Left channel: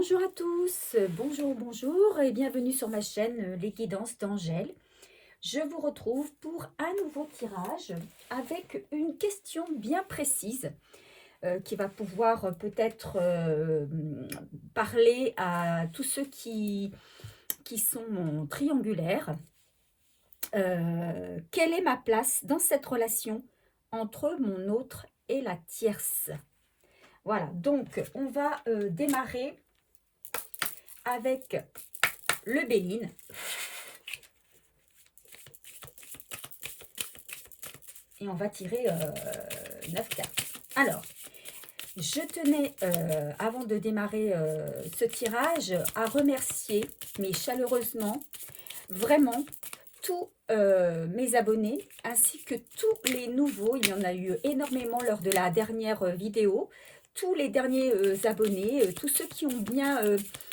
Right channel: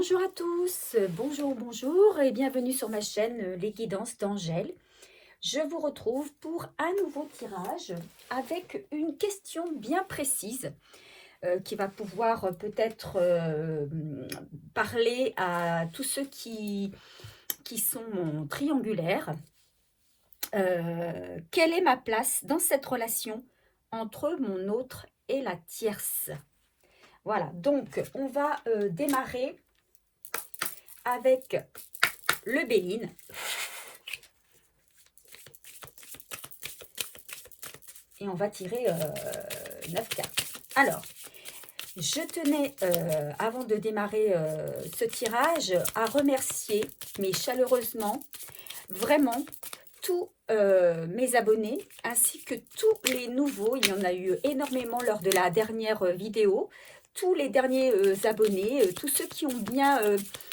Bonjour à tous, bonjour et bienvenue sur ma chaîne Les Guidances d'Angèle. Je vous retrouve pour un nouveau tirage avec une question bien précise qui va pouvoir peut-être parler à tous ceux qui sont triangulaires. Quelle est ma place dans cette relation entre mon autre et la tierce? Voilà, donc on va démarrer avec le Béline. Et on va tirer 9 cartes. Alors, je tenais, avant de démarrer ce tirage, à remercier, mais chaleureusement, vraiment, tous mes abonnés, ainsi que tous les nouveaux. Il y en a eu énormément lors de la dernière vidéo. Tous les derniers abonnés, tous ceux qui ont bien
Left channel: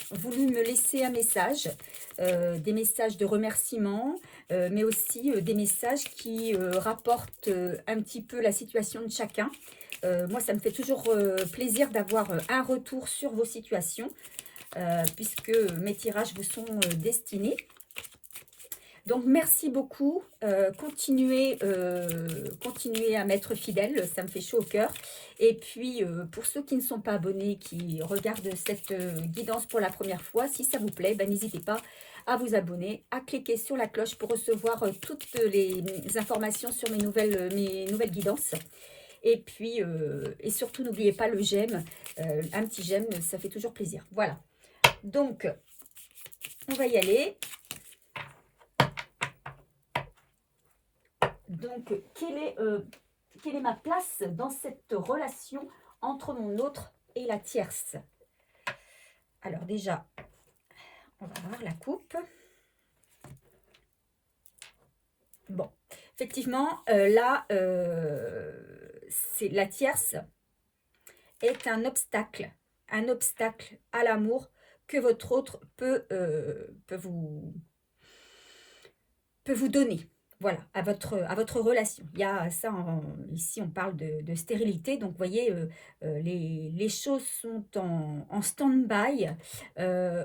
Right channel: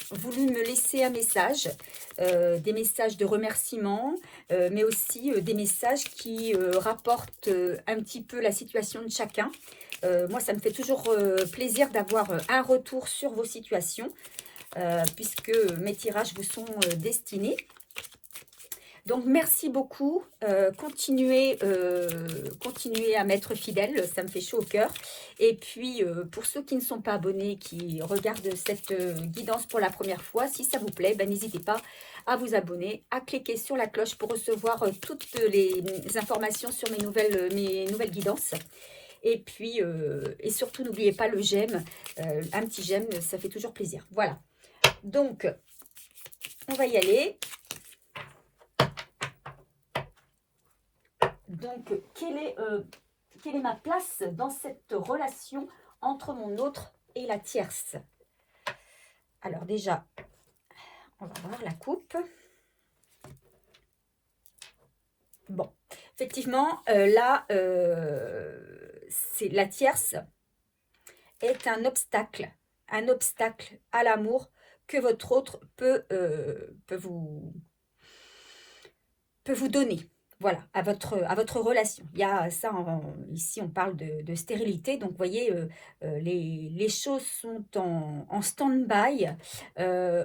voulu me laisser un message, des messages de remerciement, mais aussi des messages qui rapportent un petit peu la situation de chacun. Moi, ça me fait toujours plaisir d'avoir un retour sur vos situations, puisque mes tirages vous sont destinés. Donc, merci beaucoup. Continuez à m'être fidèles, ça me fait chaud au cœur. Et puis, pour ceux qui ne sont pas abonnés, qui regardent cette guidance pour la première fois, si ça vous plaît, ben, n'hésitez pas à vous abonner, à cliquer sur la cloche pour recevoir toutes les informations sur mes nouvelles guidances. Et puis, et surtout, n'oubliez pas le j'aime, un petit j'aime, ça fait toujours plaisir. Voilà. Donc, on va y aller. Donc, quelle est ma place dans cette relation entre mon autre et la tierce? Alors déjà, on va voir la coupe. Bon, effectivement, là, c'est la tierce est un obstacle à l'amour que votre autre peut vous donner. Voilà, à votre relation. Il y a ça, ici on parle de stérilité, donc vous voyez, les choses sont en stand-by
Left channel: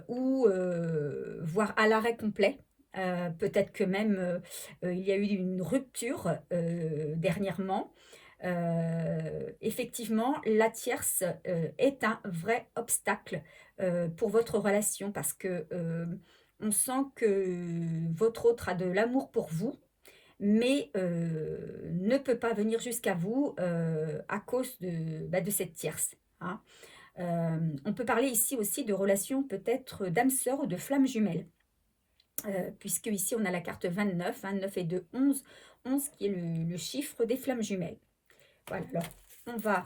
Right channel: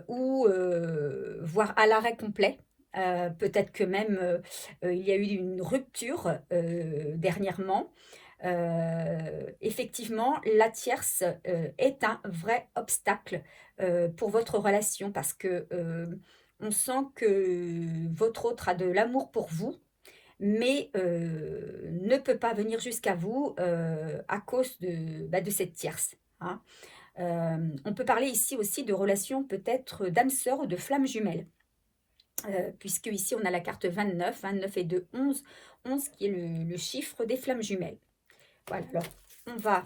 ou voire à l'arrêt complet. Peut-être que même il y a eu une rupture dernièrement. Effectivement, la tierce est un vrai obstacle pour votre relation parce que on sent que votre autre a de l'amour pour vous, mais ne peut pas venir jusqu'à vous à cause de cette tierce. Hein. On peut parler ici aussi de relations peut-être d'âme sœur ou de flammes jumelles, puisque ici on a la carte 29, 29 et 2, 11, 11 qui est le chiffre des flammes jumelles. Voilà, alors on va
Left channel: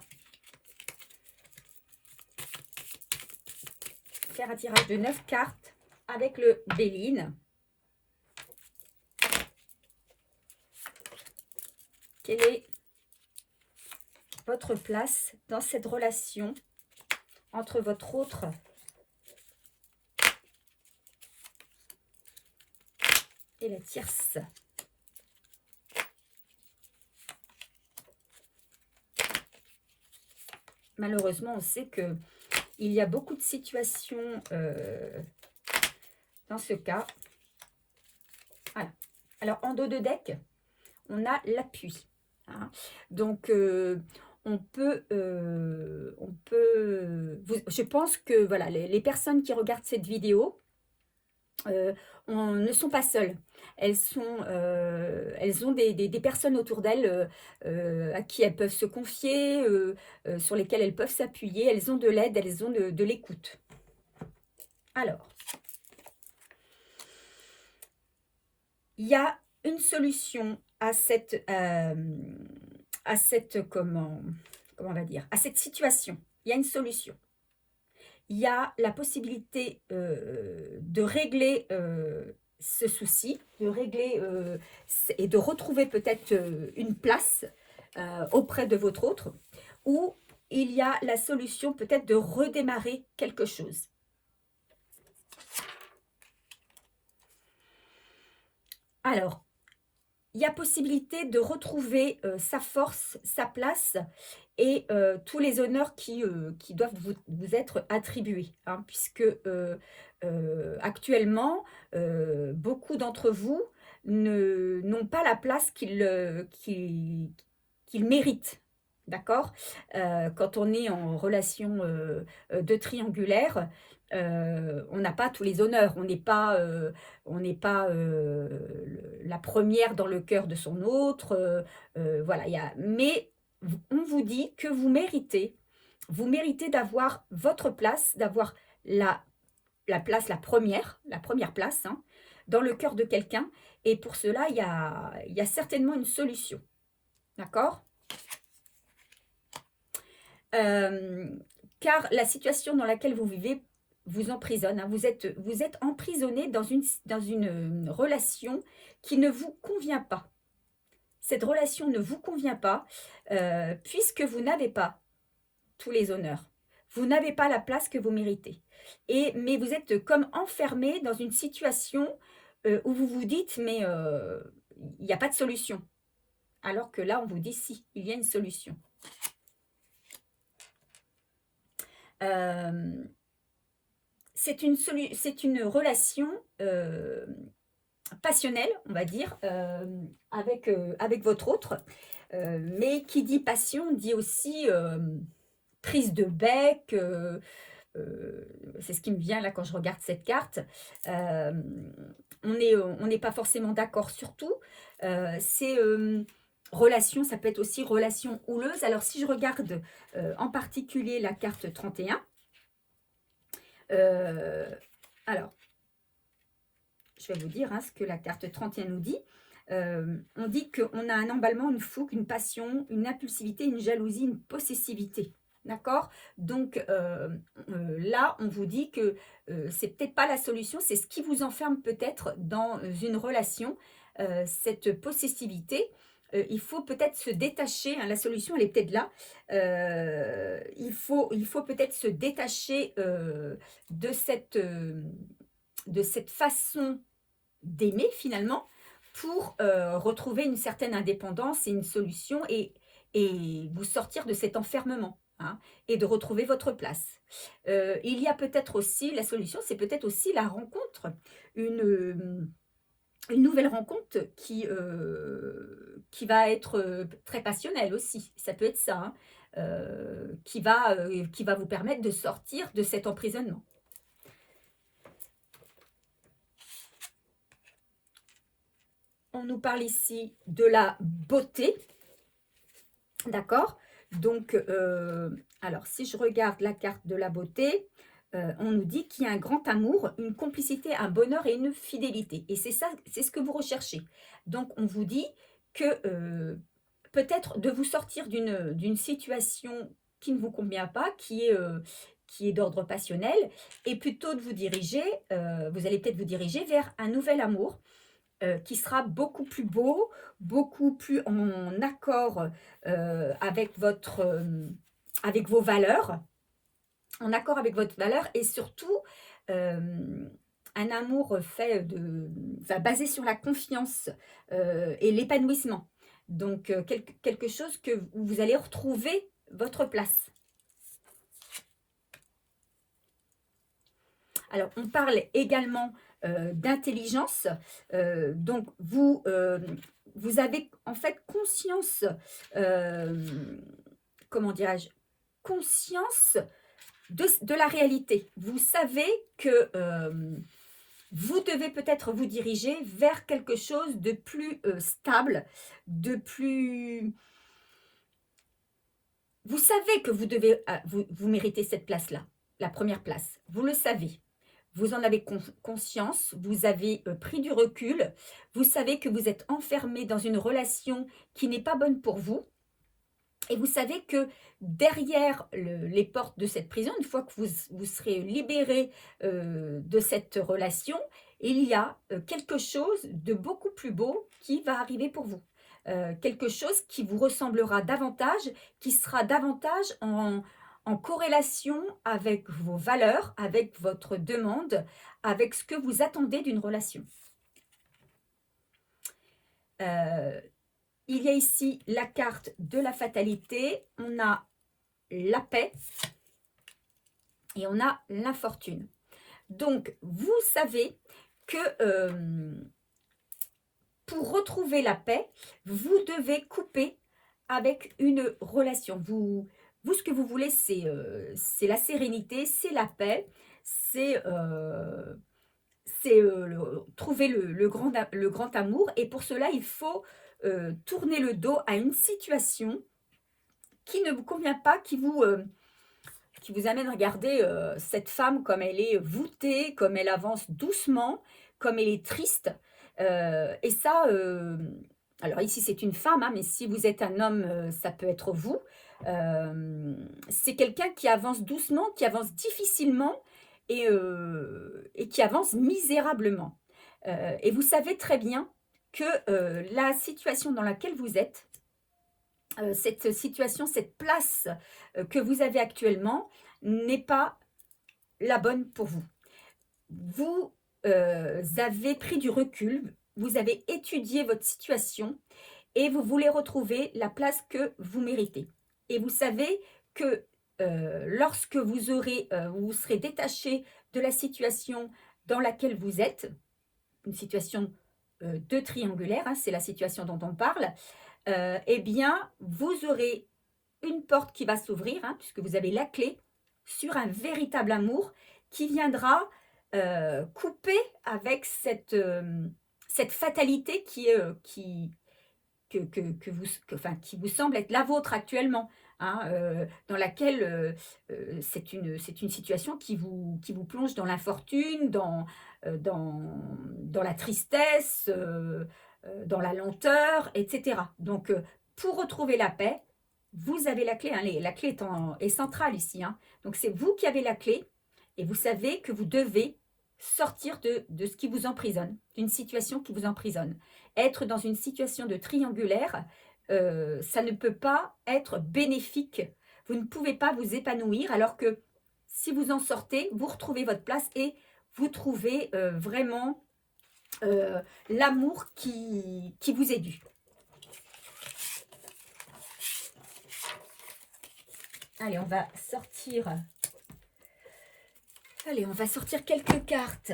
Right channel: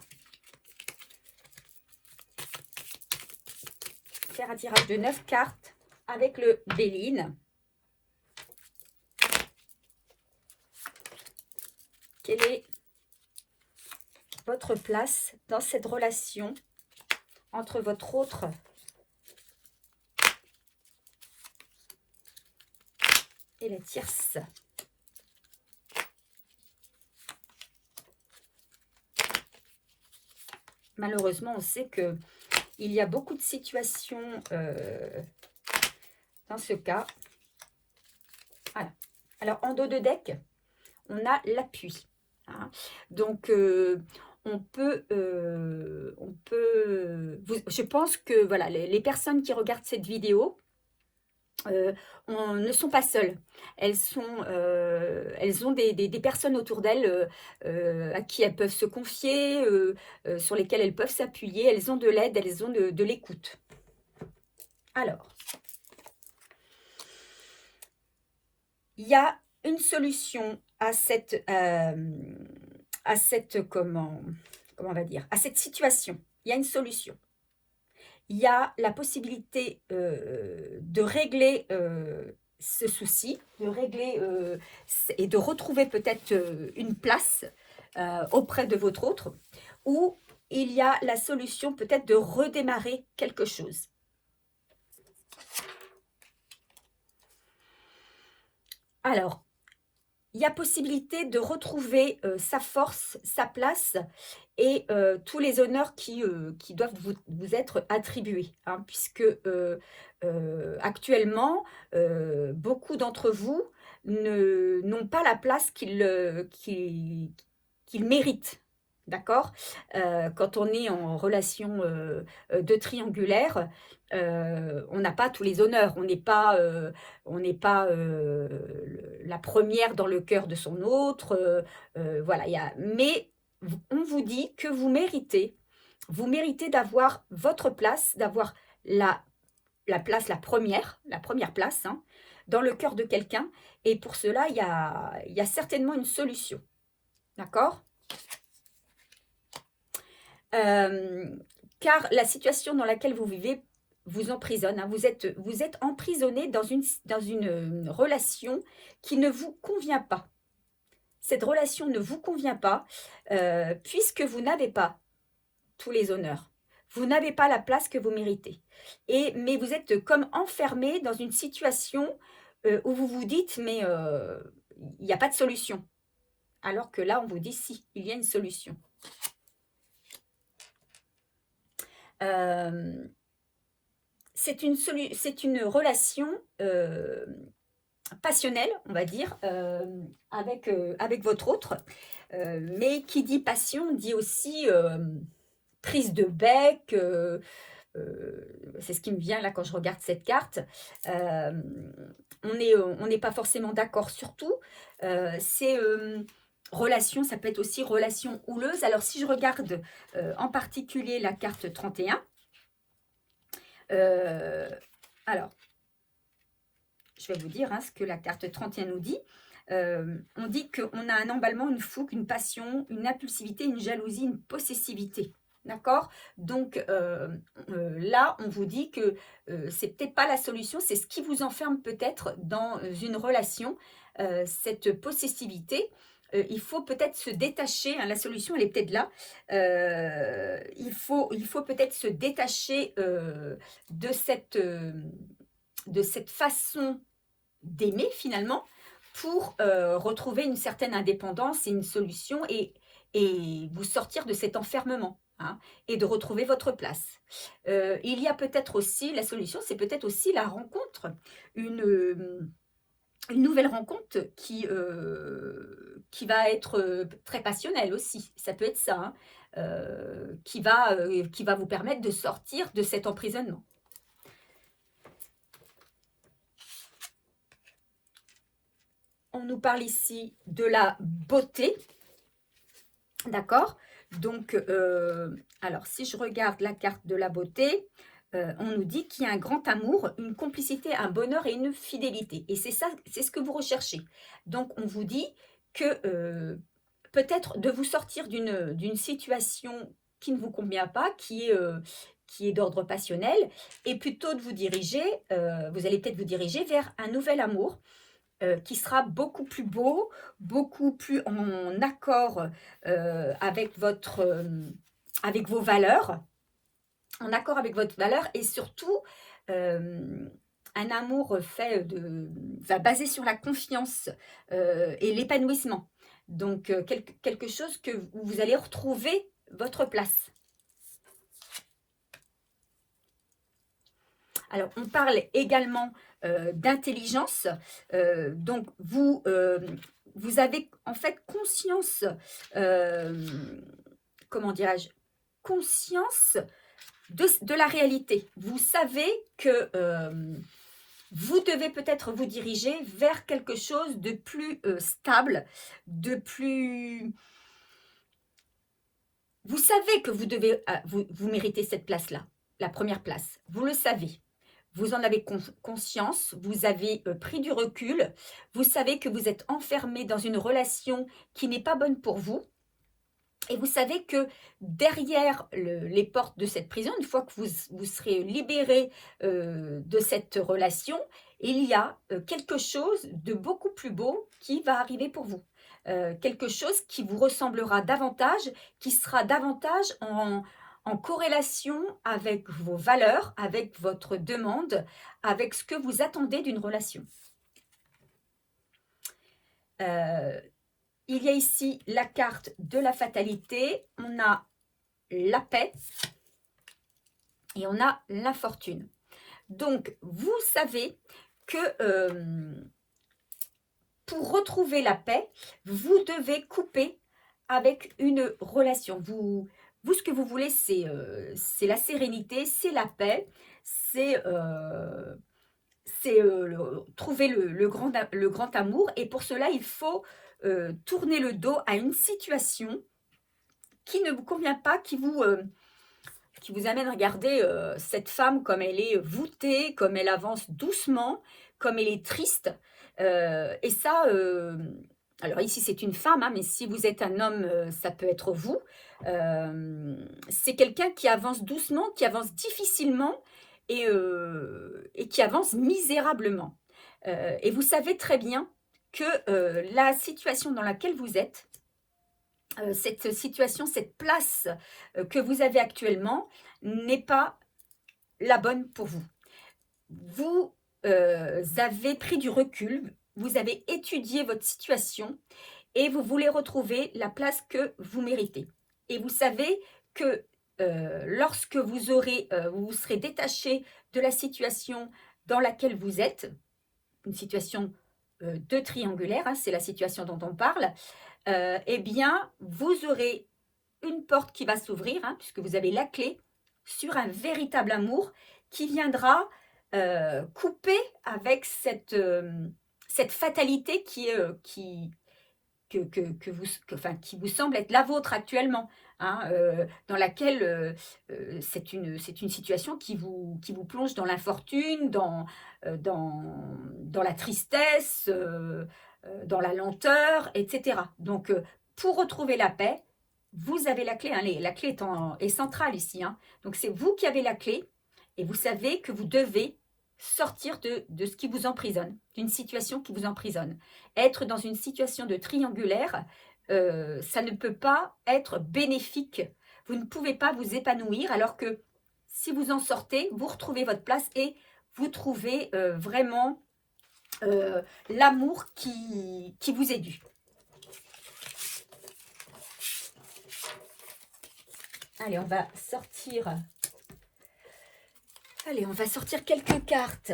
faire un tirage de 9 cartes avec le Béline. Quelle est votre place dans cette relation entre votre autre et la tierce? Malheureusement, on sait qu'il y a beaucoup de situations dans ce cas. Voilà. Alors, en dos de deck, on a l'appui. Hein. Donc, je pense que voilà, les personnes qui regardent cette vidéo ne sont pas seules. Elles ont des personnes autour d'elles à qui elles peuvent se confier, sur lesquelles elles peuvent s'appuyer. Elles ont de l'aide, elles ont de l'écoute. Alors, il y a une solution à comment on va dire, à cette situation. Il y a une solution. Il y a la possibilité de régler ce souci, de régler et de retrouver peut-être une place auprès de votre autre, ou il y a la solution peut-être de redémarrer quelque chose. Alors, il y a possibilité de retrouver sa force, sa place et tous les honneurs qui doivent vous être attribués, hein, puisque actuellement, beaucoup d'entre vous n'ont pas la place qu'ils méritent. D'accord. Quand on est en relation de triangulaire, on n'a pas tous les honneurs. On n'est pas la première dans le cœur de son autre. Voilà, mais on vous dit que vous méritez d'avoir votre place, d'avoir la place, la première place, hein, dans le cœur de quelqu'un. Et pour cela, il y a certainement une solution. D'accord. Car la situation dans laquelle vous vivez vous emprisonne. Hein. Vous êtes emprisonné dans une relation qui ne vous convient pas. Cette relation ne vous convient pas puisque vous n'avez pas tous les honneurs. Vous n'avez pas la place que vous méritez. Mais vous êtes comme enfermé dans une situation où vous vous dites, mais il n'y a pas de solution. Alors que là, on vous dit, si, il y a une solution. C'est une relation passionnelle, on va dire, avec votre autre. Mais qui dit passion dit aussi prise de bec. C'est ce qui me vient là quand je regarde cette carte. On n'est pas forcément d'accord sur tout. C'est relation, ça peut être aussi relation houleuse. Alors si je regarde en particulier la carte 31, alors je vais vous dire hein, ce que la carte 31 nous dit. On dit qu'on a un emballement, une fougue, une passion, une impulsivité, une jalousie, une possessivité. D'accord. Donc là, on vous dit que c'est peut-être pas la solution, c'est ce qui vous enferme peut-être dans une relation, cette possessivité. Il faut peut-être se détacher, hein, la solution elle est peut-être là, il faut peut-être se détacher de cette façon d'aimer finalement pour retrouver une certaine indépendance et une solution et vous sortir de cet enfermement. Hein, et de retrouver votre place. Il y a peut-être aussi, la solution, c'est peut-être aussi la rencontre, une nouvelle rencontre qui va être très passionnelle aussi. Ça peut être ça, hein, qui va vous permettre de sortir de cet emprisonnement. On nous parle ici de la beauté, d'accord. Donc, alors si je regarde la carte de la beauté, on nous dit qu'il y a un grand amour, une complicité, un bonheur et une fidélité. Et c'est ça, c'est ce que vous recherchez. Donc, on vous dit que peut-être de vous sortir d'une situation qui ne vous convient pas, qui est d'ordre passionnel, et plutôt de vous diriger, vous allez peut-être vous diriger vers un nouvel amour, qui sera beaucoup plus beau, beaucoup plus en accord avec vos valeurs, en accord avec votre valeur, et surtout un amour basé sur la confiance et l'épanouissement. Donc quelque chose où vous allez retrouver votre place. Alors on parle également d'intelligence. Donc, vous avez en fait conscience, comment dirais-je, conscience de la réalité. Vous savez que vous devez peut-être vous diriger vers quelque chose de plus stable, de plus... Vous savez que vous devez, vous méritez cette place-là, la première place. Vous le savez. Vous en avez conscience, vous avez pris du recul, vous savez que vous êtes enfermé dans une relation qui n'est pas bonne pour vous. Et vous savez que derrière les portes de cette prison, une fois que vous serez libéré de cette relation, il y a quelque chose de beaucoup plus beau qui va arriver pour vous. Quelque chose qui vous ressemblera davantage, qui sera davantage en corrélation avec vos valeurs, avec votre demande, avec ce que vous attendez d'une relation. il y a ici la carte de la fatalité, on a la paix et on a l'infortune. Donc, vous savez que pour retrouver la paix, vous devez couper avec une relation. Ce que vous voulez, c'est la sérénité, c'est la paix, c'est trouver le grand amour. Et pour cela, il faut tourner le dos à une situation qui ne vous convient pas, qui vous amène à regarder cette femme comme elle est voûtée, comme elle avance doucement, comme elle est triste. Et ça, alors ici c'est une femme, hein, mais si vous êtes un homme, ça peut être vous. C'est quelqu'un qui avance doucement, qui avance difficilement et qui avance misérablement. Et vous savez très bien que la situation dans laquelle vous êtes, cette situation, cette place que vous avez actuellement n'est pas la bonne pour vous. Vous avez pris du recul, vous avez étudié votre situation et vous voulez retrouver la place que vous méritez. Et vous savez que lorsque vous serez détaché de la situation dans laquelle vous êtes, une situation de triangulaire, hein, c'est la situation dont on parle, eh bien, vous aurez une porte qui va s'ouvrir, hein, puisque vous avez la clé sur un véritable amour qui viendra couper avec cette fatalité qui vous semble être la vôtre actuellement, hein, dans laquelle c'est une situation qui vous plonge dans l'infortune, dans la tristesse, dans la lenteur, etc. Donc, pour retrouver la paix, vous avez la clé. Hein, la clé est centrale ici. Hein. Donc, c'est vous qui avez la clé et vous savez que vous devez sortir de ce qui vous emprisonne, d'une situation qui vous emprisonne. Être dans une situation de triangulaire, ça ne peut pas être bénéfique. Vous ne pouvez pas vous épanouir alors que si vous en sortez, vous retrouvez votre place et vous trouvez vraiment l'amour qui vous est dû. Allez, on va sortir quelques cartes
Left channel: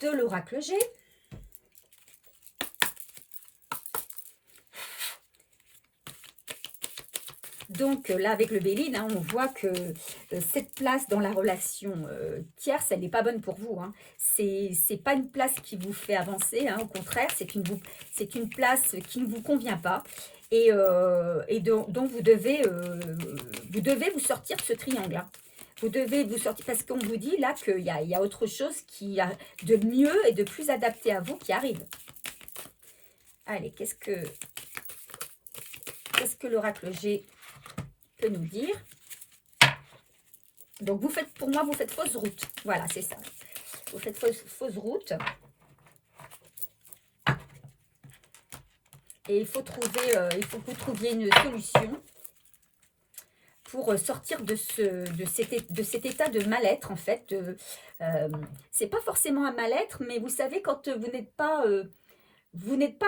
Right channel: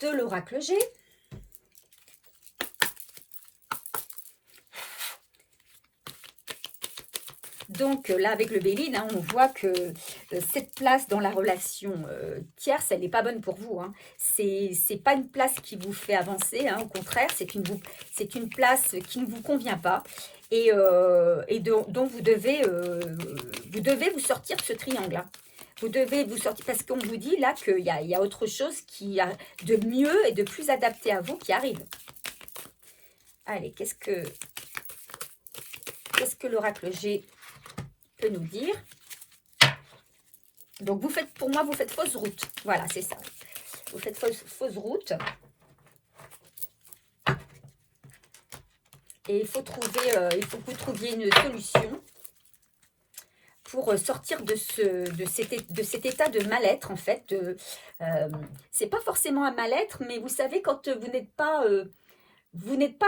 de l'oracle G. Donc là, avec le Béline, hein, on voit que cette place dans la relation tierce, elle n'est pas bonne pour vous. Hein. C'est pas une place qui vous fait avancer, hein, au contraire, c'est une place qui ne vous convient pas et dont vous devez vous sortir de ce triangle. Hein. Vous devez vous sortir parce qu'on vous dit là qu'il y a autre chose qui a de mieux et de plus adapté à vous qui arrive. Allez, qu'est-ce que l'oracle G peut nous dire? Donc, pour moi, vous faites fausse route. Voilà, c'est ça. Vous faites fausse route. Et il faut que vous trouviez une solution pour sortir de cet état de mal-être, en fait. C'est pas forcément un mal-être, mais vous savez, quand vous n'êtes pas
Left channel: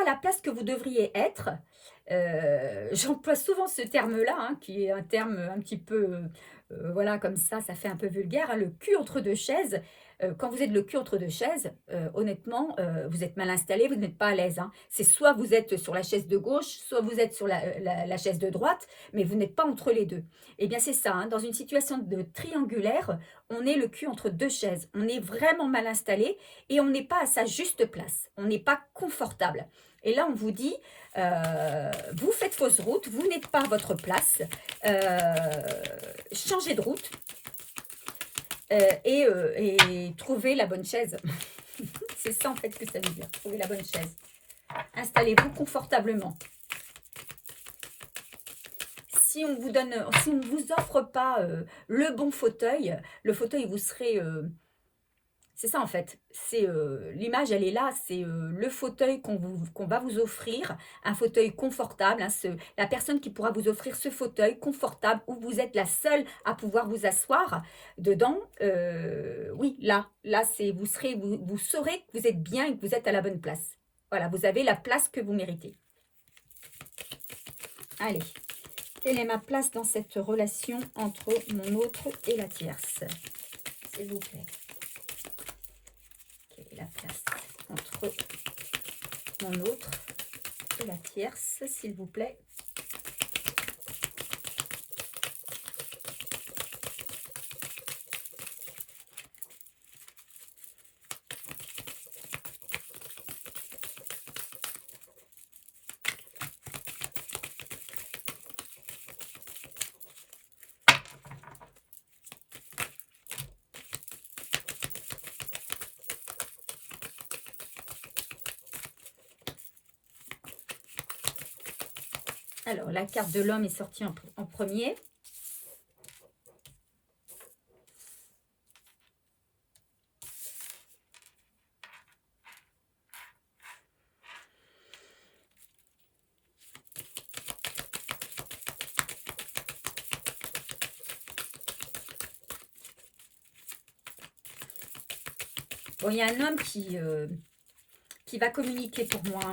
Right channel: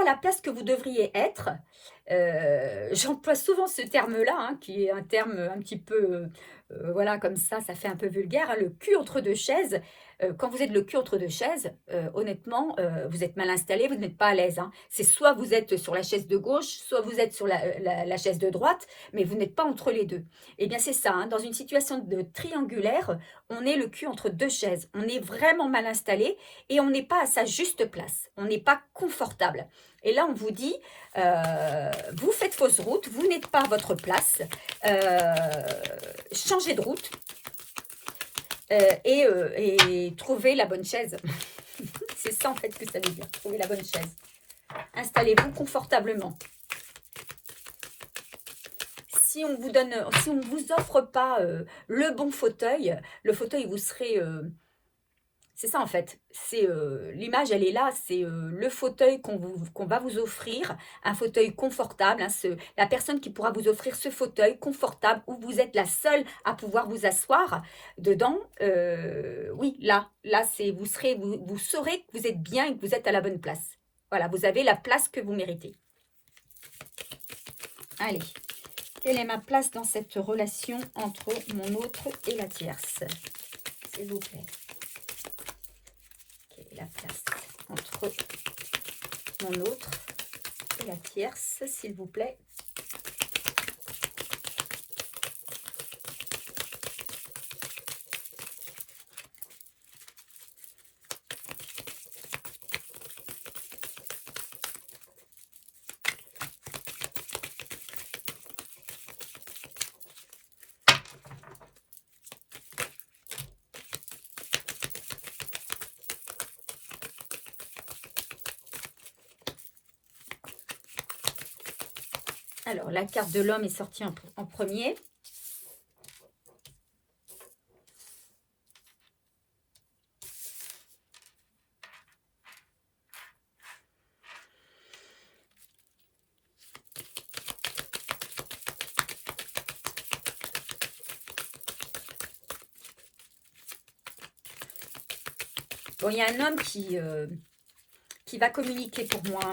à la place que vous devriez être. J'emploie souvent ce terme-là, hein, qui est un terme un petit peu, voilà, comme ça fait un peu vulgaire, hein, le cul entre deux chaises. Quand vous êtes le cul entre deux chaises, honnêtement, vous êtes mal installé, vous n'êtes pas à l'aise. Hein. C'est soit vous êtes sur la chaise de gauche, soit vous êtes sur la chaise de droite, mais vous n'êtes pas entre les deux. Eh bien, c'est ça, hein, dans une situation de triangulaire, on est le cul entre deux chaises. On est vraiment mal installé et on n'est pas à sa juste place. On n'est pas confortable. Et là, on vous dit, vous faites fausse route, vous n'êtes pas à votre place, changez de route et trouvez la bonne chaise. C'est ça en fait que ça veut dire, trouver la bonne chaise. Installez-vous confortablement. Si on vous offre pas le bon fauteuil, le fauteuil vous serait... c'est ça en fait, l'image elle est là, c'est le fauteuil qu'on va vous offrir, un fauteuil confortable, hein, la personne qui pourra vous offrir ce fauteuil confortable où vous êtes la seule à pouvoir vous asseoir dedans, oui là vous saurez que vous êtes bien et que vous êtes à la bonne place. Voilà, vous avez la place que vous méritez. Allez, quelle est ma place dans cette relation entre mon autre et la tierce? S'il vous plaît. Quelle est la place entre mon autre et la tierce, s'il vous plaît? Alors, la carte de l'homme est sortie en premier. Bon, il y a un homme qui va communiquer pour moi.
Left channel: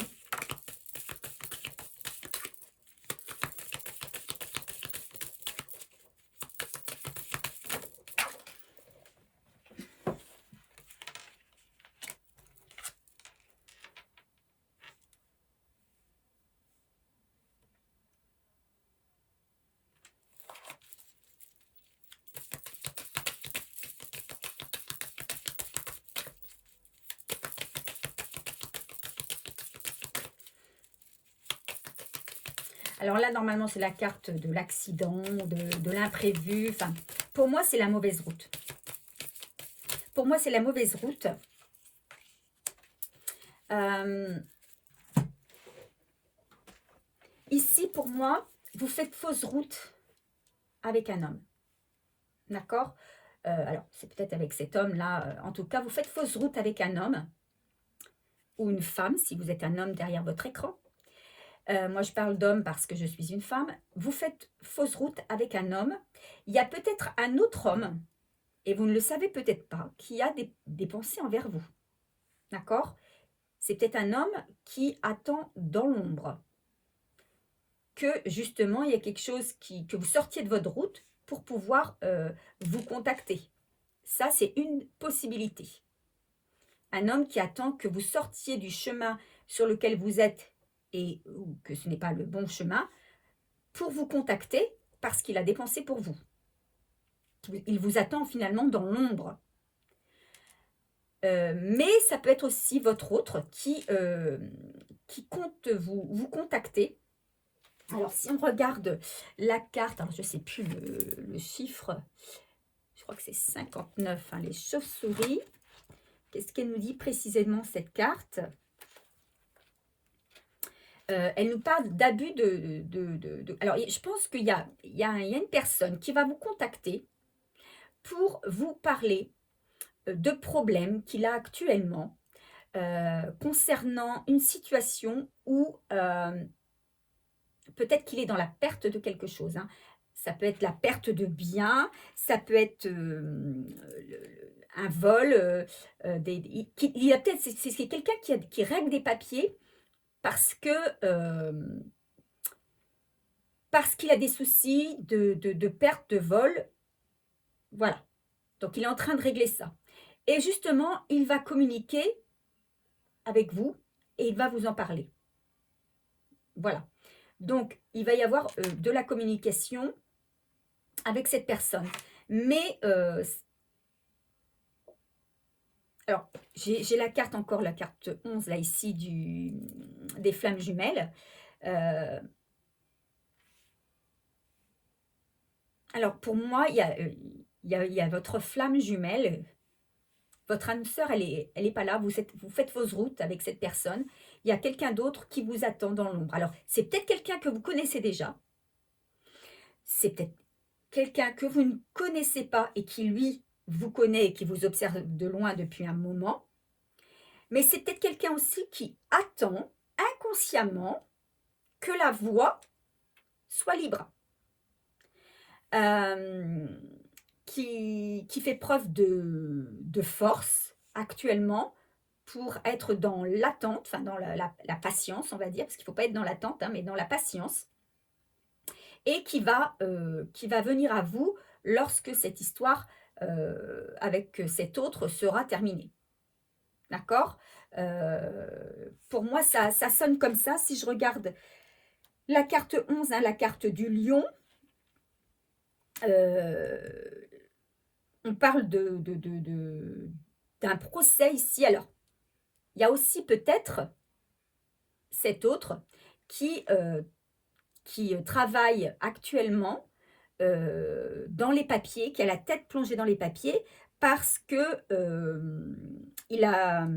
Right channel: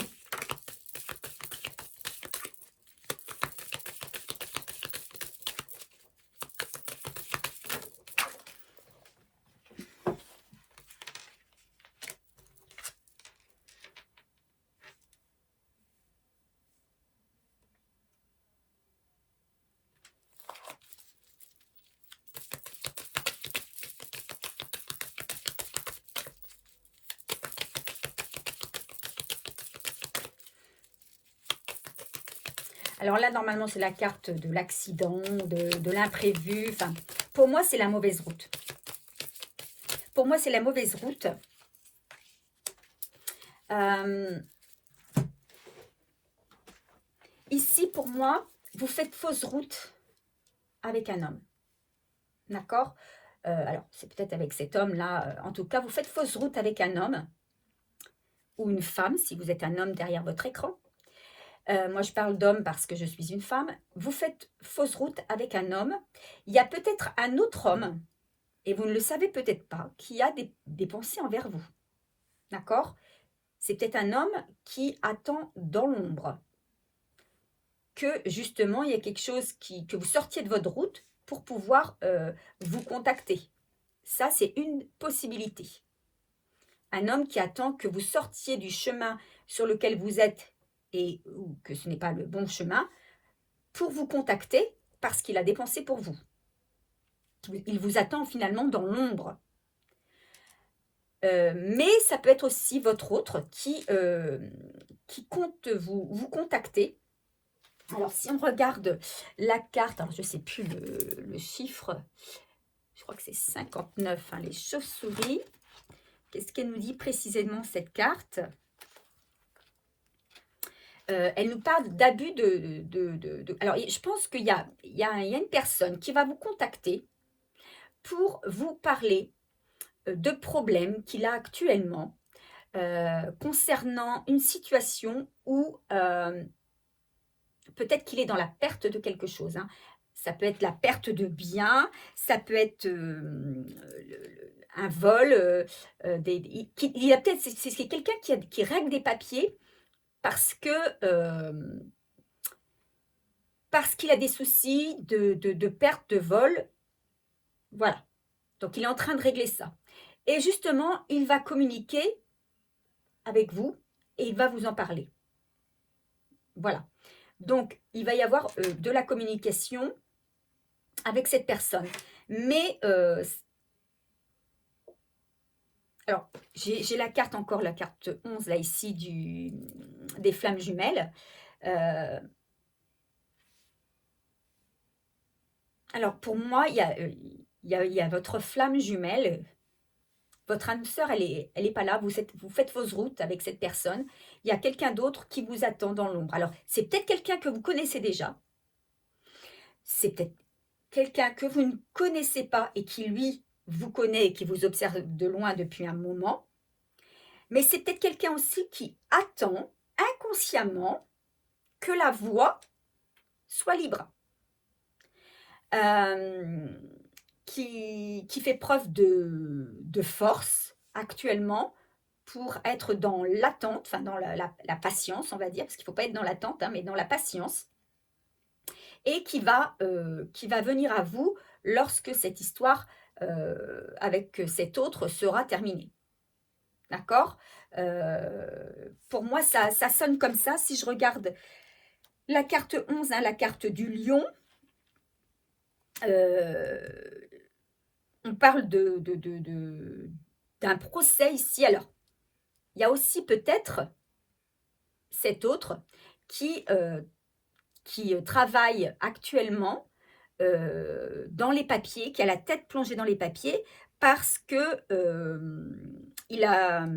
Alors là, normalement, c'est la carte de l'accident, de l'imprévu. Enfin, pour moi, c'est la mauvaise route. Pour moi, c'est la mauvaise route. Ici, pour moi, vous faites fausse route avec un homme. D'accord? Alors, c'est peut-être avec cet homme-là. En tout cas, vous faites fausse route avec un homme ou une femme, si vous êtes un homme derrière votre écran. Moi, je parle d'homme parce que je suis une femme. Vous faites fausse route avec un homme. Il y a peut-être un autre homme, et vous ne le savez peut-être pas, qui a des pensées envers vous. D'accord? C'est peut-être un homme qui attend dans l'ombre que, justement, il y a quelque chose que vous sortiez de votre route pour pouvoir vous contacter. Ça, c'est une possibilité. Un homme qui attend que vous sortiez du chemin sur lequel vous êtes et que ce n'est pas le bon chemin, pour vous contacter parce qu'il a des pensées pour vous. Il vous attend finalement dans l'ombre. Mais ça peut être aussi votre autre qui compte vous contacter. Alors, si on regarde la carte, alors je ne sais plus le chiffre, je crois que c'est 59, hein, les chauves-souris. Qu'est-ce qu'elle nous dit précisément, cette carte? Elle nous parle d'abus Alors, je pense qu'il y a une personne qui va vous contacter pour vous parler de problèmes qu'il a actuellement concernant une situation où peut-être qu'il est dans la perte de quelque chose. Hein. Ça peut être la perte de biens, ça peut être un vol. Il a peut-être, c'est quelqu'un qui règle des papiers parce qu'il a des soucis de perte de vol. Voilà. Donc, il est en train de régler ça. Et justement, il va communiquer avec vous et il va vous en parler. Voilà. Donc, il va y avoir de la communication avec cette personne. Mais, alors, j'ai la carte encore, la carte 11, là, ici, des flammes jumelles. Alors, pour moi, il y a votre flamme jumelle. Votre âme sœur, elle est pas là. Vous faites vos routes avec cette personne. Il y a quelqu'un d'autre qui vous attend dans l'ombre. Alors, c'est peut-être quelqu'un que vous connaissez déjà. C'est peut-être quelqu'un que vous ne connaissez pas et qui, lui, vous connaît et qui vous observe de loin depuis un moment. Mais c'est peut-être quelqu'un aussi qui attend inconsciemment que la voie soit libre. Qui fait preuve de force actuellement pour être dans l'attente, enfin dans la patience, on va dire, parce qu'il ne faut pas être dans l'attente, hein, mais dans la patience. et qui va venir à vous lorsque cette histoire avec cet autre sera terminée. D'accord? Pour moi, ça sonne comme ça. Si je regarde la carte 11, hein, la carte du lion, on parle d'un procès ici. Alors, il y a aussi peut-être cet autre qui travaille actuellement dans les papiers, qui a la tête plongée dans les papiers, parce que il y a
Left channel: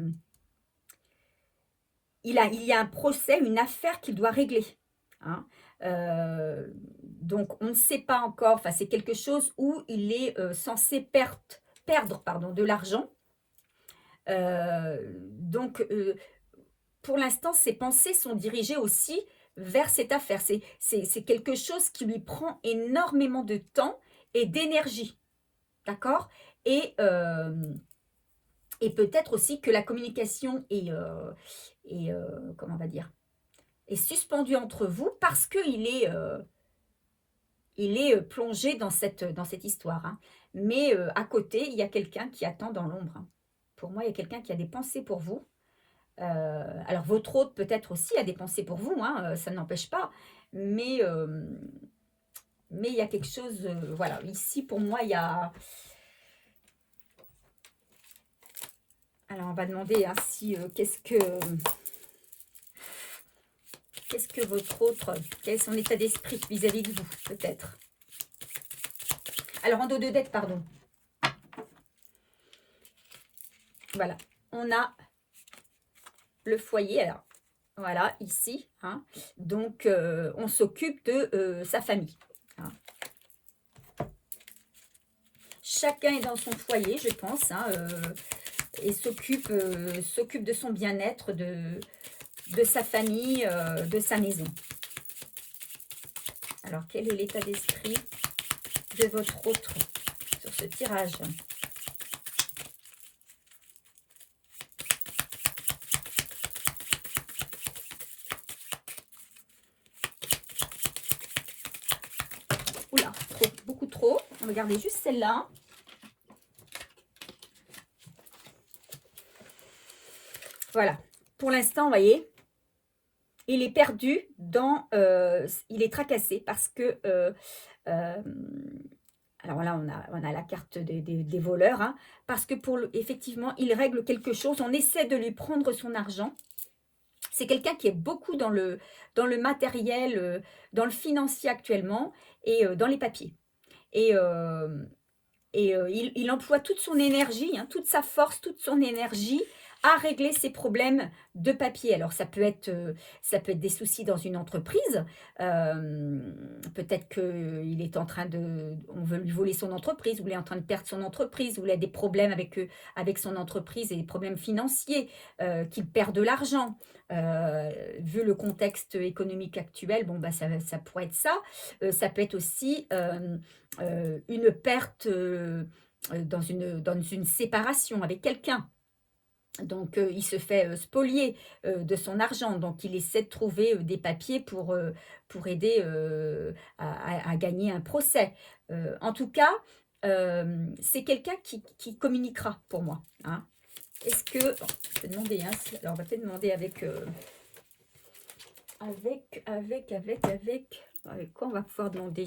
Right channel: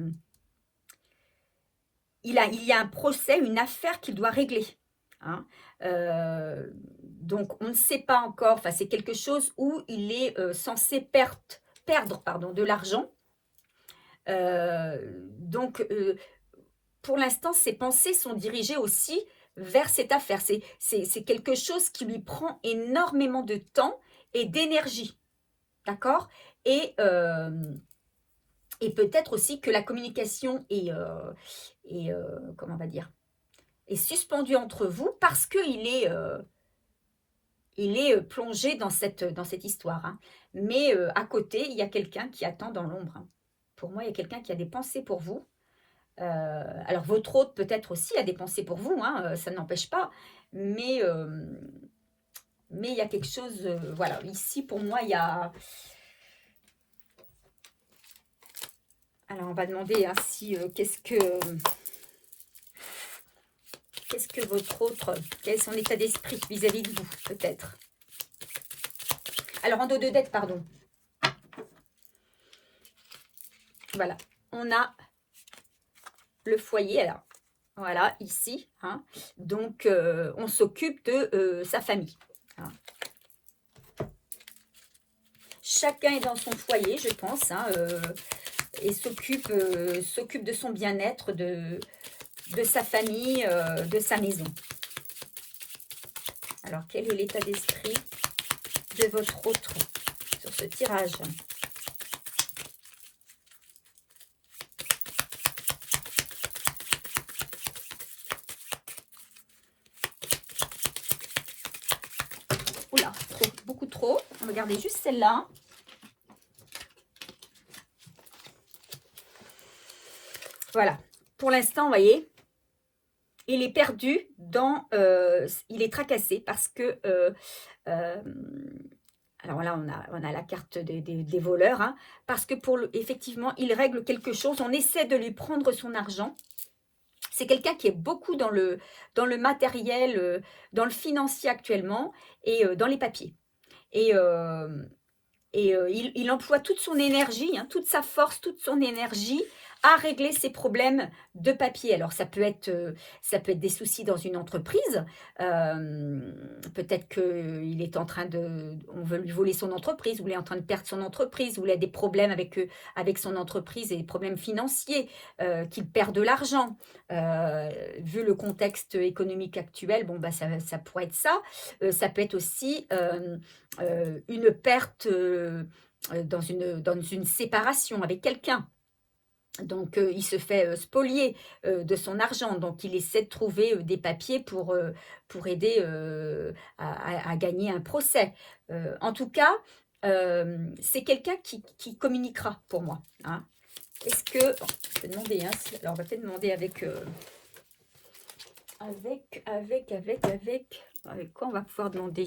un procès, une affaire qu'il doit régler. Hein. Donc, on ne sait pas encore, enfin, c'est quelque chose où il est censé perdre de l'argent. Donc, pour l'instant, ses pensées sont dirigées aussi vers cette affaire. C'est quelque chose qui lui prend énormément de temps et d'énergie. D'accord? Et peut-être aussi que la communication comment on va dire, est suspendue entre vous parce qu'il est, plongé dans cette histoire. Hein. Mais à côté, il y a quelqu'un qui attend dans l'ombre. Hein. Pour moi, il y a quelqu'un qui a des pensées pour vous. Alors, votre hôte peut-être aussi a des pensées pour vous, hein, ça n'empêche pas. Mais il y a quelque chose, voilà, ici pour moi, il y a... Alors, on va demander hein, si, qu'est-ce que votre autre, quel est son état d'esprit vis-à-vis de vous, peut-être. Alors, en dos de deck, pardon. Voilà, on a le foyer, alors, voilà, ici. Hein. Donc, on s'occupe de sa famille. Hein. Chacun est dans son foyer, je pense, hein, et s'occupe de son bien-être, de sa famille, de sa maison. Alors, quel est l'état d'esprit de votre autre sur ce tirage? Oula, beaucoup trop. Regardez juste celle-là. Voilà. Pour l'instant, vous voyez, il est perdu dans... il est tracassé parce que... alors là, on a la carte des voleurs. Hein, parce que effectivement, il règle quelque chose. On essaie de lui prendre son argent. C'est quelqu'un qui est beaucoup dans le matériel, dans le financier actuellement et dans les papiers. Et il emploie toute son énergie, hein, toute sa force, toute son énergie à régler ses problèmes de papier. Alors, ça peut être des soucis dans une entreprise. Peut-être qu'il est en train on veut lui voler son entreprise, ou il est en train de perdre son entreprise, ou il a des problèmes avec son entreprise et des problèmes financiers, qu'il perd de l'argent. Vu le contexte économique actuel, bon, bah, ça pourrait être ça. Ça peut être aussi une perte dans une séparation avec quelqu'un. Donc, il se fait spolier de son argent. Donc, il essaie de trouver des papiers pour aider à gagner un procès. En tout cas, c'est quelqu'un qui communiquera pour moi. Hein. Est-ce que... je vais demander, hein, alors on va peut-être demander avec quoi on va pouvoir demander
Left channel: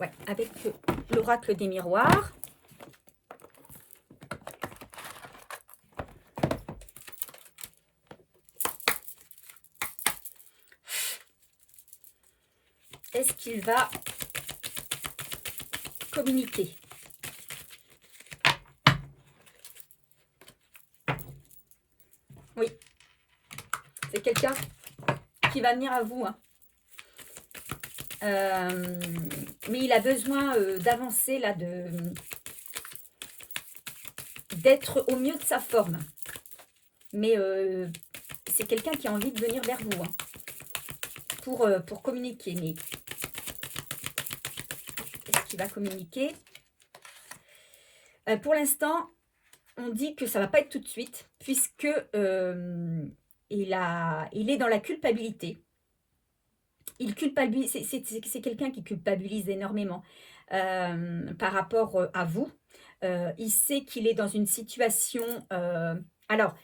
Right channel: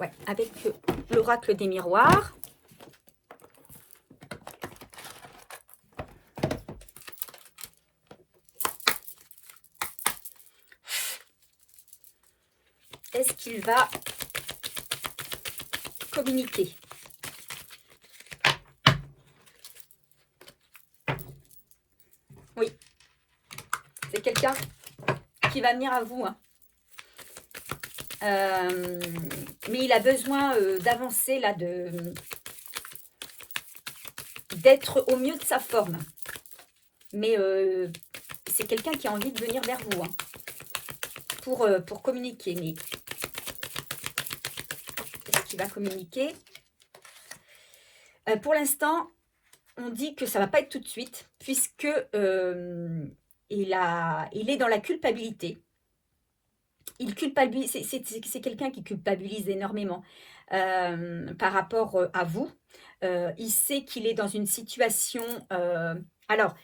ouais, avec l'oracle des miroirs. Est-ce qu'il va communiquer? Oui. C'est quelqu'un qui va venir à vous. Hein. Mais il a besoin d'avancer, là, d'être au mieux de sa forme. Mais c'est quelqu'un qui a envie de venir vers vous. Hein, pour communiquer. Mais est-ce qu'il va communiquer? Pour l'instant, on dit que ça ne va pas être tout de suite, puisque il est dans la culpabilité. Il culpabilise, c'est quelqu'un qui culpabilise énormément par rapport à vous. Il sait qu'il est dans une situation... alors,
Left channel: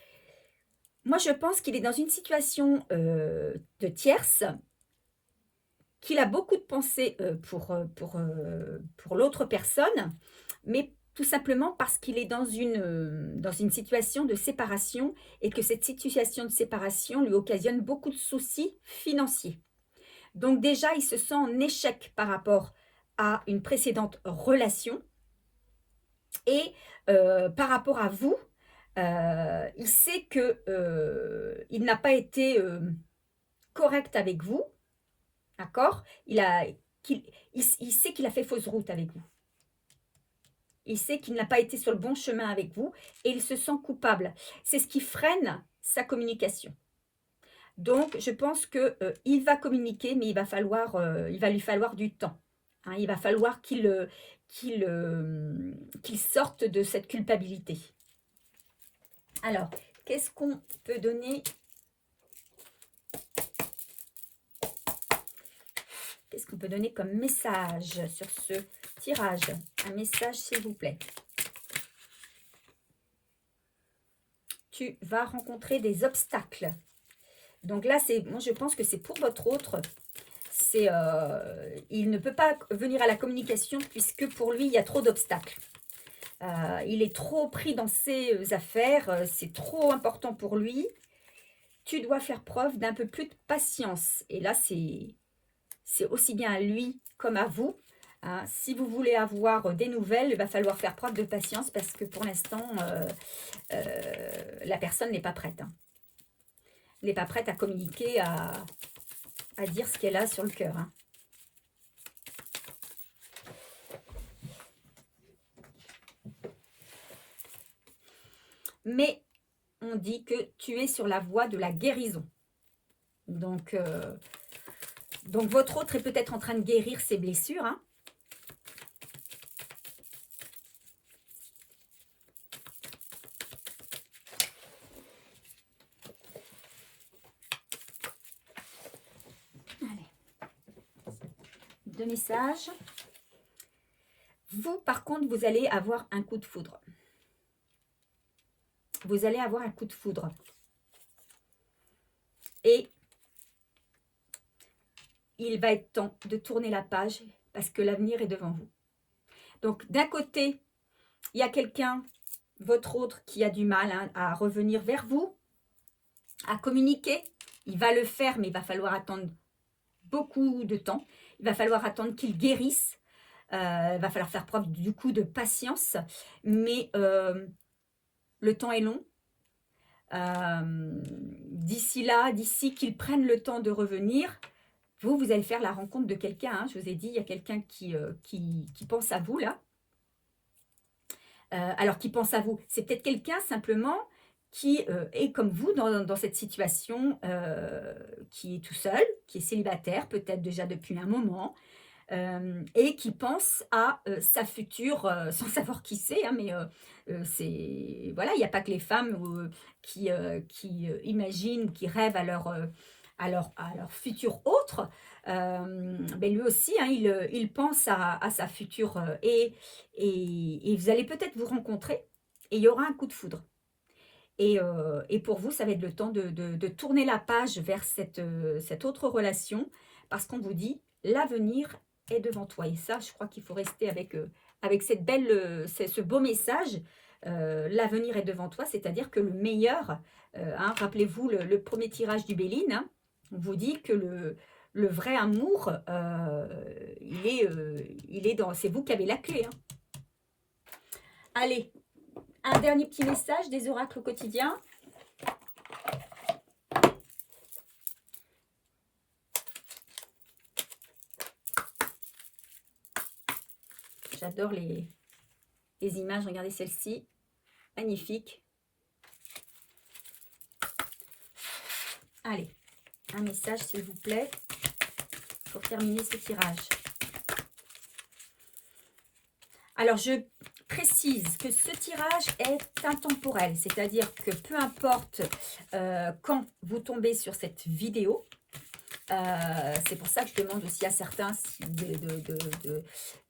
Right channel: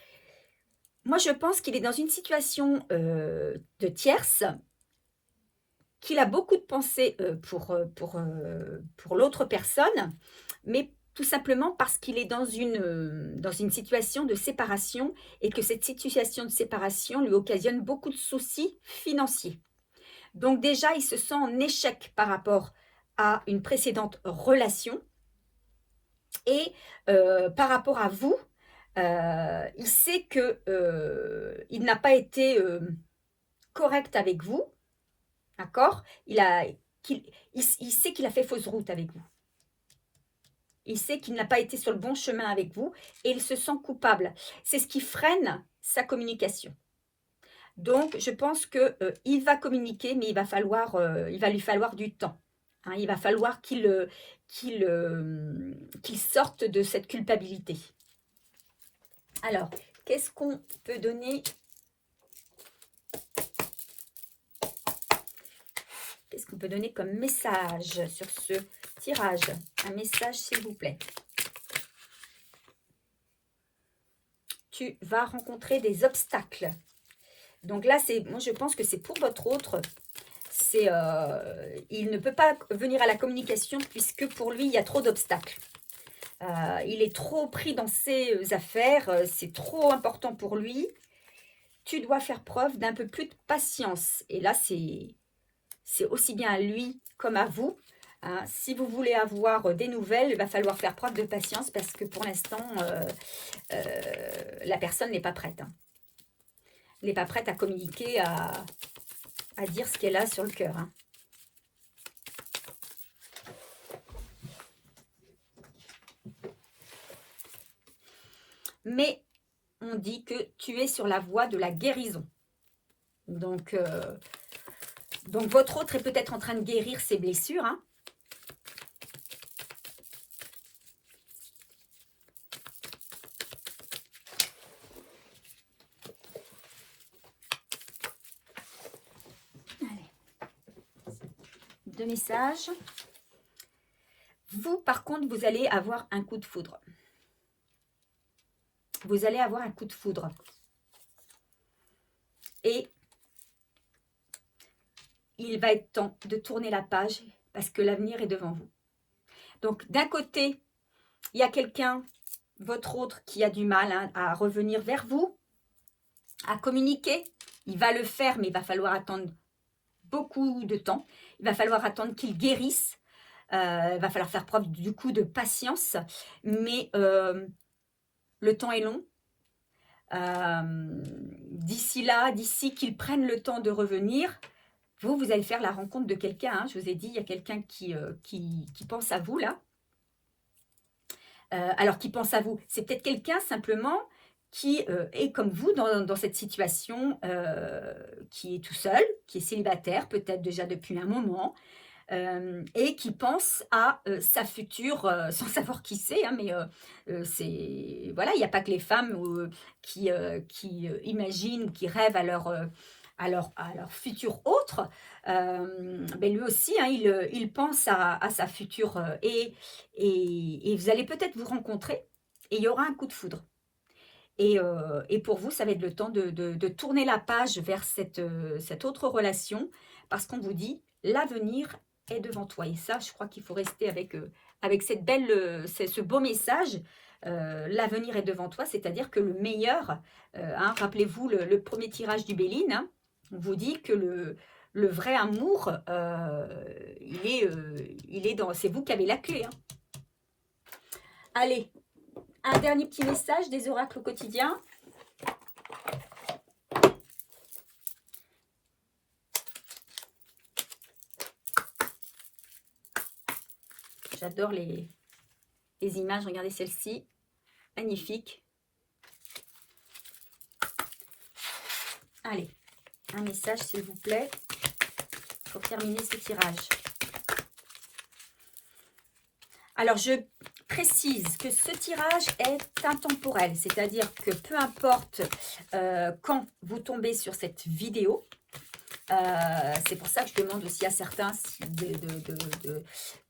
moi je pense qu'il est dans une situation de tierce, qu'il a beaucoup de pensées pour l'autre personne, mais tout simplement parce qu'il est dans une situation de séparation et que cette situation de séparation lui occasionne beaucoup de soucis financiers. Donc déjà, il se sent en échec par rapport à une précédente relation et par rapport à vous, il sait qu'il n'a pas été correct avec vous, d'accord? Il sait qu'il a fait fausse route avec vous. Il sait qu'il n'a pas été sur le bon chemin avec vous et il se sent coupable. C'est ce qui freine sa communication. Donc, je pense qu'il va communiquer, mais il va lui falloir du temps. Hein, il va falloir qu'il sorte de cette culpabilité. Alors, qu'est-ce qu'on peut donner? Qu'est-ce qu'on peut donner comme message sur ce tirage? Un message, s'il vous plaît. Tu vas rencontrer des obstacles. Donc là, moi je pense que c'est pour votre autre. Il ne peut pas venir à la communication puisque pour lui, il y a trop d'obstacles. Il est trop pris dans ses affaires, c'est trop important pour lui. Tu dois faire preuve d'un peu plus de patience. Et là, c'est aussi bien à lui comme à vous. Hein. Si vous voulez avoir des nouvelles, il va falloir faire preuve de patience parce que pour l'instant, la personne n'est pas prête. Hein. Elle n'est pas prête à communiquer, à dire ce qu'elle a sur le cœur. Hein. Mais on dit que tu es sur la voie de la guérison. Donc votre autre est peut-être en train de guérir ses blessures. Hein. Deux messages. Vous, par contre, vous allez avoir un coup de foudre. Vous allez avoir un coup de foudre. Et il va être temps de tourner la page parce que l'avenir est devant vous. Donc, d'un côté, il y a quelqu'un, votre autre, qui a du mal hein, à revenir vers vous, à communiquer. Il va le faire, mais il va falloir attendre beaucoup de temps. Il va falloir attendre qu'il guérisse. Il va falloir faire preuve du coup de patience. Mais le temps est long. D'ici là, d'ici qu'ils prennent le temps de revenir, vous allez faire la rencontre de quelqu'un. Hein. Je vous ai dit, il y a quelqu'un qui pense à vous là. Alors, qui pense à vous, c'est peut-être quelqu'un simplement qui est comme vous dans cette situation, qui est tout seul, qui est célibataire, peut-être déjà depuis un moment, et qui pense à sa future, sans savoir qui c'est, hein, mais voilà, il n'y a pas que les femmes qui imaginent, qui rêvent à leur futur autre. Ben lui aussi, hein, il pense à sa future et vous allez peut-être vous rencontrer et il y aura un coup de foudre. Et pour vous, ça va être le temps de tourner la page vers cette autre relation parce qu'on vous dit l'avenir est devant toi. Et ça, je crois qu'il faut rester avec ce beau message. L'avenir est devant toi, c'est-à-dire que le meilleur, hein, rappelez-vous le premier tirage du Béline, hein, on vous dit que le vrai amour, il est dans... C'est vous qui avez la clé. Hein. Allez, un dernier petit message des oracles au quotidien. J'adore les images. Regardez celle-ci. Magnifique. Allez, un message s'il vous plaît pour terminer ce tirage. Alors, précise que ce tirage est intemporel, c'est-à-dire que peu importe quand vous tombez sur cette vidéo, c'est pour ça que je demande aussi à certains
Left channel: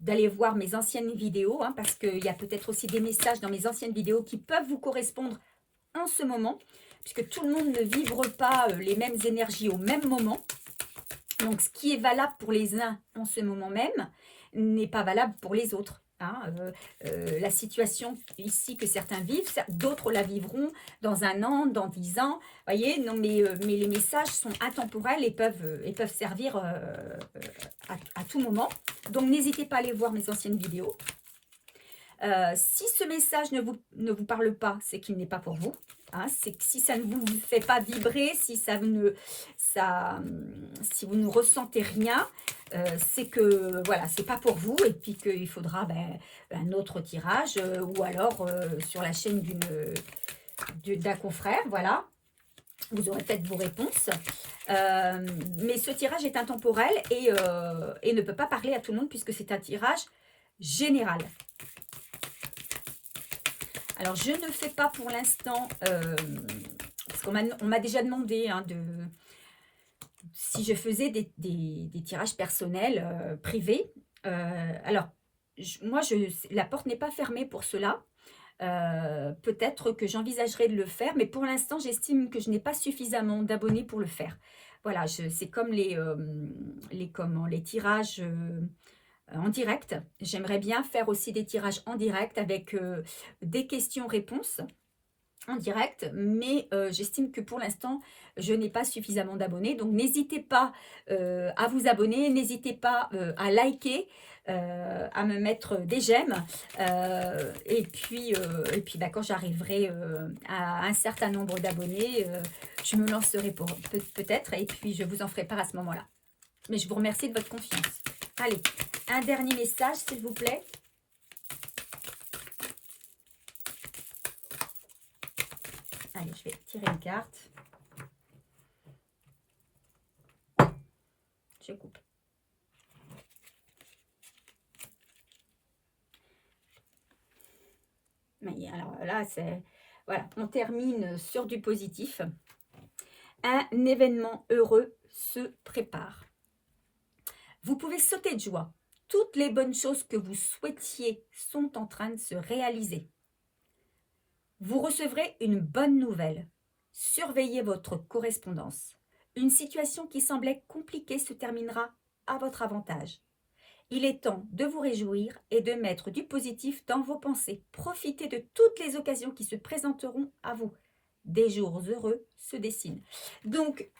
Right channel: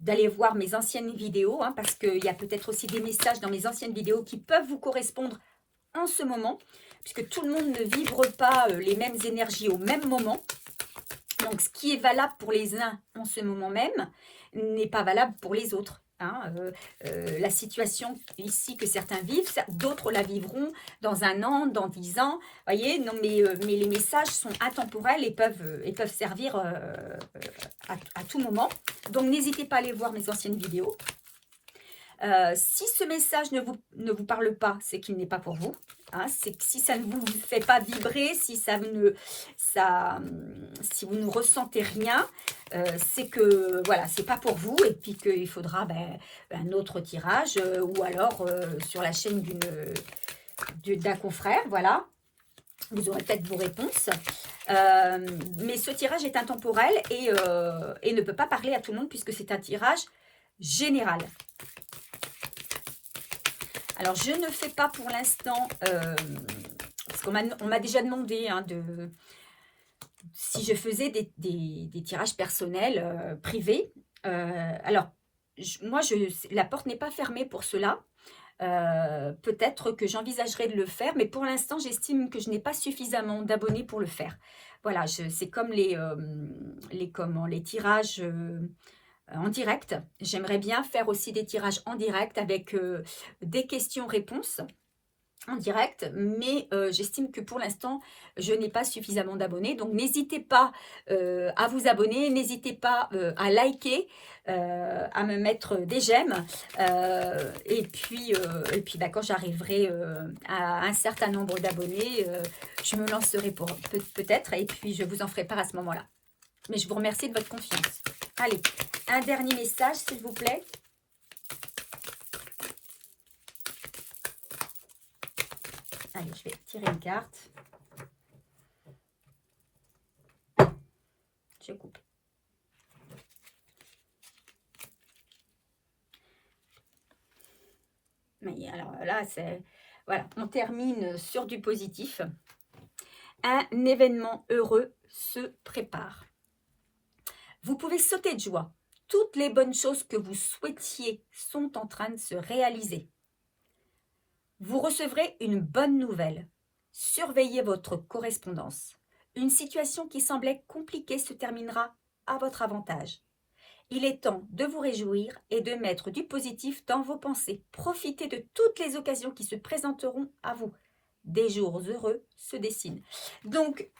d'aller voir mes anciennes vidéos, hein, parce qu'il y a peut-être aussi des messages dans mes anciennes vidéos qui peuvent vous correspondre en ce moment, puisque tout le monde ne vibre pas les mêmes énergies au même moment. Donc, ce qui est valable pour les uns en ce moment même n'est pas valable pour les autres. Hein. La situation ici que certains vivent, d'autres la vivront dans 1 an, dans 10 ans. Voyez, non, mais les messages sont intemporels et peuvent servir à tout moment. Donc, n'hésitez pas à aller voir mes anciennes vidéos. Si ce message ne vous parle pas, c'est qu'il n'est pas pour vous. Hein, c'est que si ça ne vous fait pas vibrer, si vous ne ressentez rien, c'est que voilà, c'est pas pour vous et puis qu'il faudra un autre tirage ou alors sur la chaîne d'un confrère, voilà. Vous aurez peut-être vos réponses. Mais ce tirage est intemporel et ne peut pas parler à tout le monde puisque c'est un tirage général. Alors, je ne fais pas pour l'instant, parce qu'on m'a déjà demandé hein, si je faisais des tirages personnels, privés. Alors, la porte n'est pas fermée pour cela. Peut-être que j'envisagerai de le faire, mais pour l'instant, j'estime que je n'ai pas suffisamment d'abonnés pour le faire. Voilà, c'est comme les tirages en direct. J'aimerais bien faire aussi des tirages en direct avec des questions-réponses en direct, mais j'estime que pour l'instant, je n'ai pas suffisamment d'abonnés. Donc, n'hésitez pas à vous abonner, n'hésitez pas à liker, à me mettre des j'aime. Et puis quand j'arriverai à un certain nombre d'abonnés, je me lancerai peut-être et puis je vous en ferai part à ce moment-là. Mais je vous remercie de votre confiance. Allez, un dernier message, s'il vous plaît. Allez, je vais tirer une carte. Je coupe. Mais alors là, voilà, on termine sur du positif. Un événement heureux se prépare. Vous pouvez sauter de joie. Toutes les bonnes choses que vous souhaitiez sont en train de se réaliser. Vous recevrez une bonne nouvelle. Surveillez votre correspondance. Une situation qui semblait compliquée se terminera à votre avantage. Il est temps de vous réjouir et de mettre du positif dans vos pensées. Profitez de toutes les occasions qui se présenteront à vous. Des jours heureux se dessinent. Donc,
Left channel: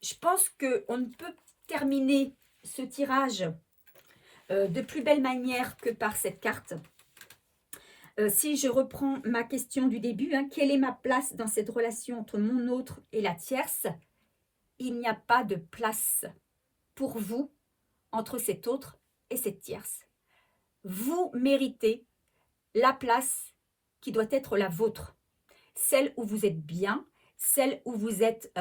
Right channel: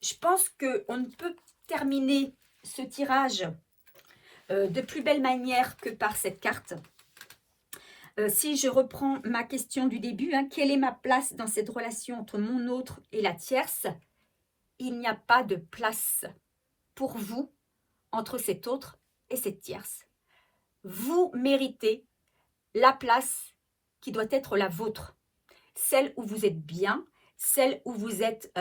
je pense qu'on ne peut terminer ce tirage de plus belle manière que par cette carte. Si je reprends ma question du début, hein, quelle est ma place dans cette relation entre mon autre et la tierce? Il n'y a pas de place pour vous entre cet autre et cette tierce. Vous méritez la place qui doit être la vôtre, celle où vous êtes bien, celle où vous êtes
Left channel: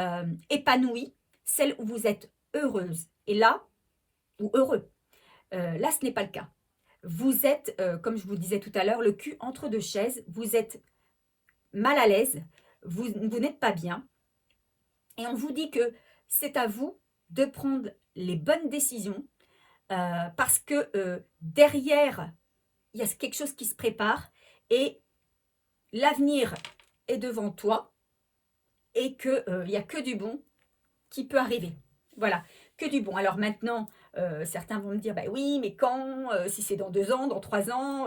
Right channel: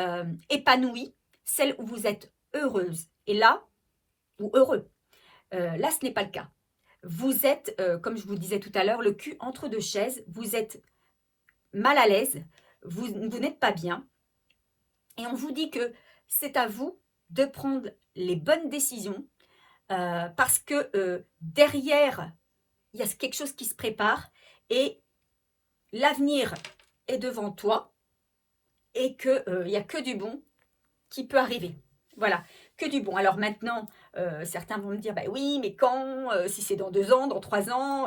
épanoui, celle où vous êtes heureuse. Et là, ou heureux, là ce n'est pas le cas. Vous êtes, comme je vous disais tout à l'heure, le cul entre deux chaises, vous êtes mal à l'aise, vous n'êtes pas bien. Et on vous dit que c'est à vous de prendre les bonnes décisions parce que derrière, il y a quelque chose qui se prépare et l'avenir est devant toi et qu'il n'y a que du bon qui peut arriver. Voilà, que du bon. Alors maintenant, certains vont me dire, bah oui, mais quand, si c'est dans 2 ans, dans 3 ans,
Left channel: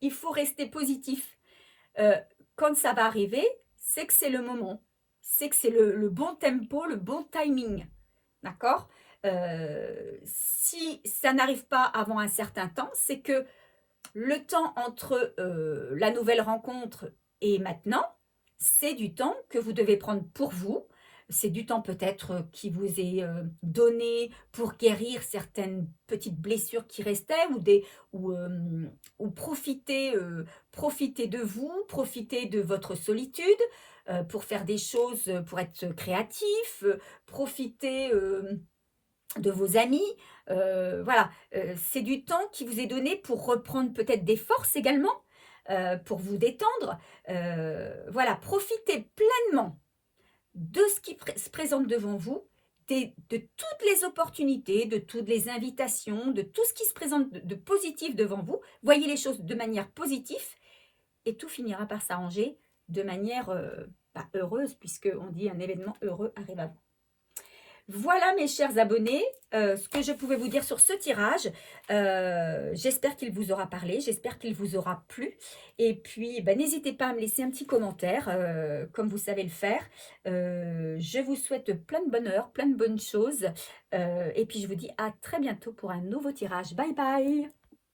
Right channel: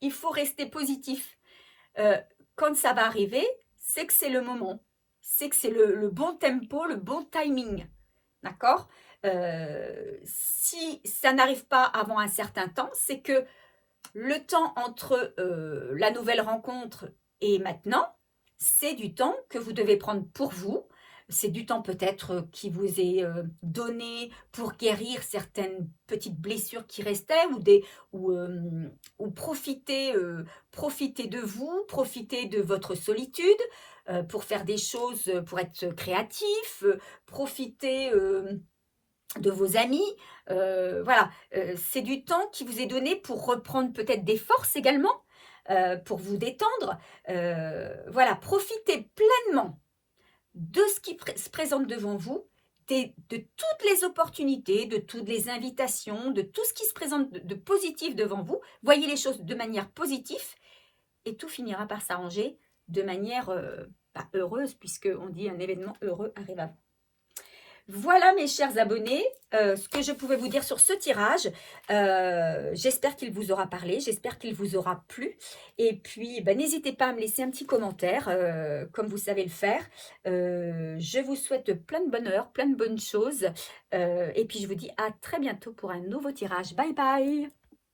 il faut rester positif. Quand ça va arriver, c'est que c'est le moment. C'est que c'est le bon tempo, le bon timing. D'accord? Si ça n'arrive pas avant un certain temps, c'est que le temps entre la nouvelle rencontre et maintenant, c'est du temps que vous devez prendre pour vous. C'est du temps peut-être qui vous est donné pour guérir certaines petites blessures qui restaient ou profiter de vous, profiter de votre solitude pour faire des choses, pour être créatif, profiter de vos amis, Voilà, c'est du temps qui vous est donné pour reprendre peut-être des forces également, pour vous détendre. Voilà, profitez pleinement de ce qui se présente devant vous, de toutes les opportunités, de toutes les invitations, de tout ce qui se présente de positif devant vous. Voyez les choses de manière positive et tout finira par s'arranger de manière heureuse, puisqu'on dit un événement heureux arrive à vous. Voilà mes chers abonnés, ce que je pouvais vous dire sur ce tirage. J'espère qu'il vous aura parlé, j'espère qu'il vous aura plu. Et puis, n'hésitez pas à me laisser un petit commentaire, comme vous savez le faire. Je vous souhaite plein de bonheur, plein de bonnes choses. Et puis, je vous dis à très bientôt pour un nouveau tirage. Bye bye!